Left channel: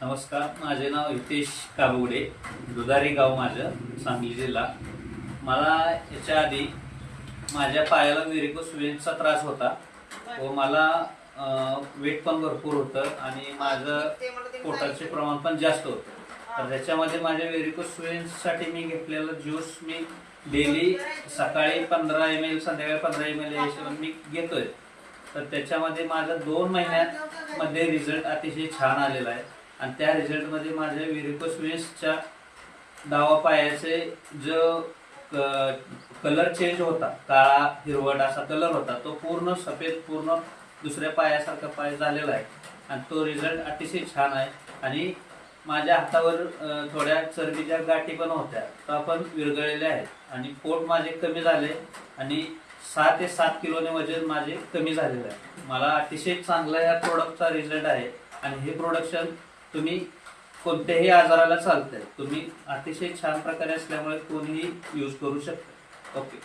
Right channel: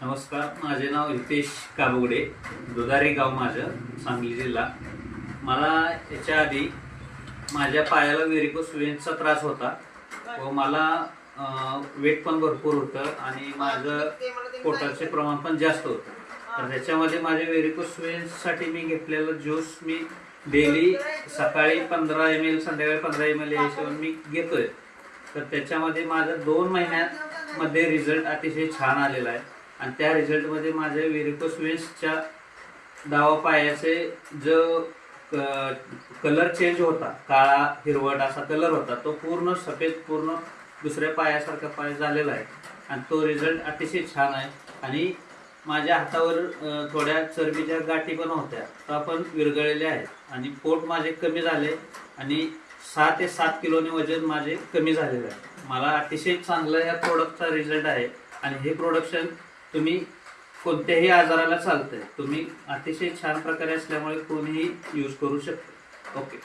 नमस्कार, माझे नाव हितेश काबुगडे, दुधारी गाव माझं, सांगली जिल्हा. मला याच्या आधी माझ्या पायाला व्हेरिकोस वेन्सचा त्रास होता व मला वेट पण भरपूर होतं आणि माझं पोटाचे प्रमाण पण जास्त होतं. तर त्याच्यामध्ये माझ्या व्हेरिकोस वेन्ससाठी मी घेतलेलं ज्यूस मी डेली सकाळी 15 ml, संध्याकाळी 15 ml या हिशोबाने मी घेतोय. तर त्याच्यामध्ये माझं 2 महिन्यामध्ये रिझल्ट अतिशय छान आलेला आहे आणि त्या रिझल्टमध्ये माझ्या व्हेरिकोस वेन्सच्या डावा पायाचे जो कलर चेंज होता, काळा हिरवट असा कलर होता, तो पूर्ण सफेद, पूर्ण दुसऱ्या पायासारखा पाय झालेला आहे आणि तो रिझल्ट अतिशय छान आहे. आणि माझ्या हातावर थोड्या चरबीच्या गाठी पण होत्या, त्या पण विरघळलेल्या आहेत आणि पोट माझे कमी झाले आणि 6 ते 7 किलोने वजन माझे कमी झालेलं आहे. मला अतिशय चांगला या प्रोडक्टचा रिझल्ट आहे आणि हे प्रोडक्शन तुम्ही कोणत्याही आजाराला चालतंय. तुम्ही अतिशय छान प्रकारे असल्यामुळे कोणीही यूज करू शकते. ओके.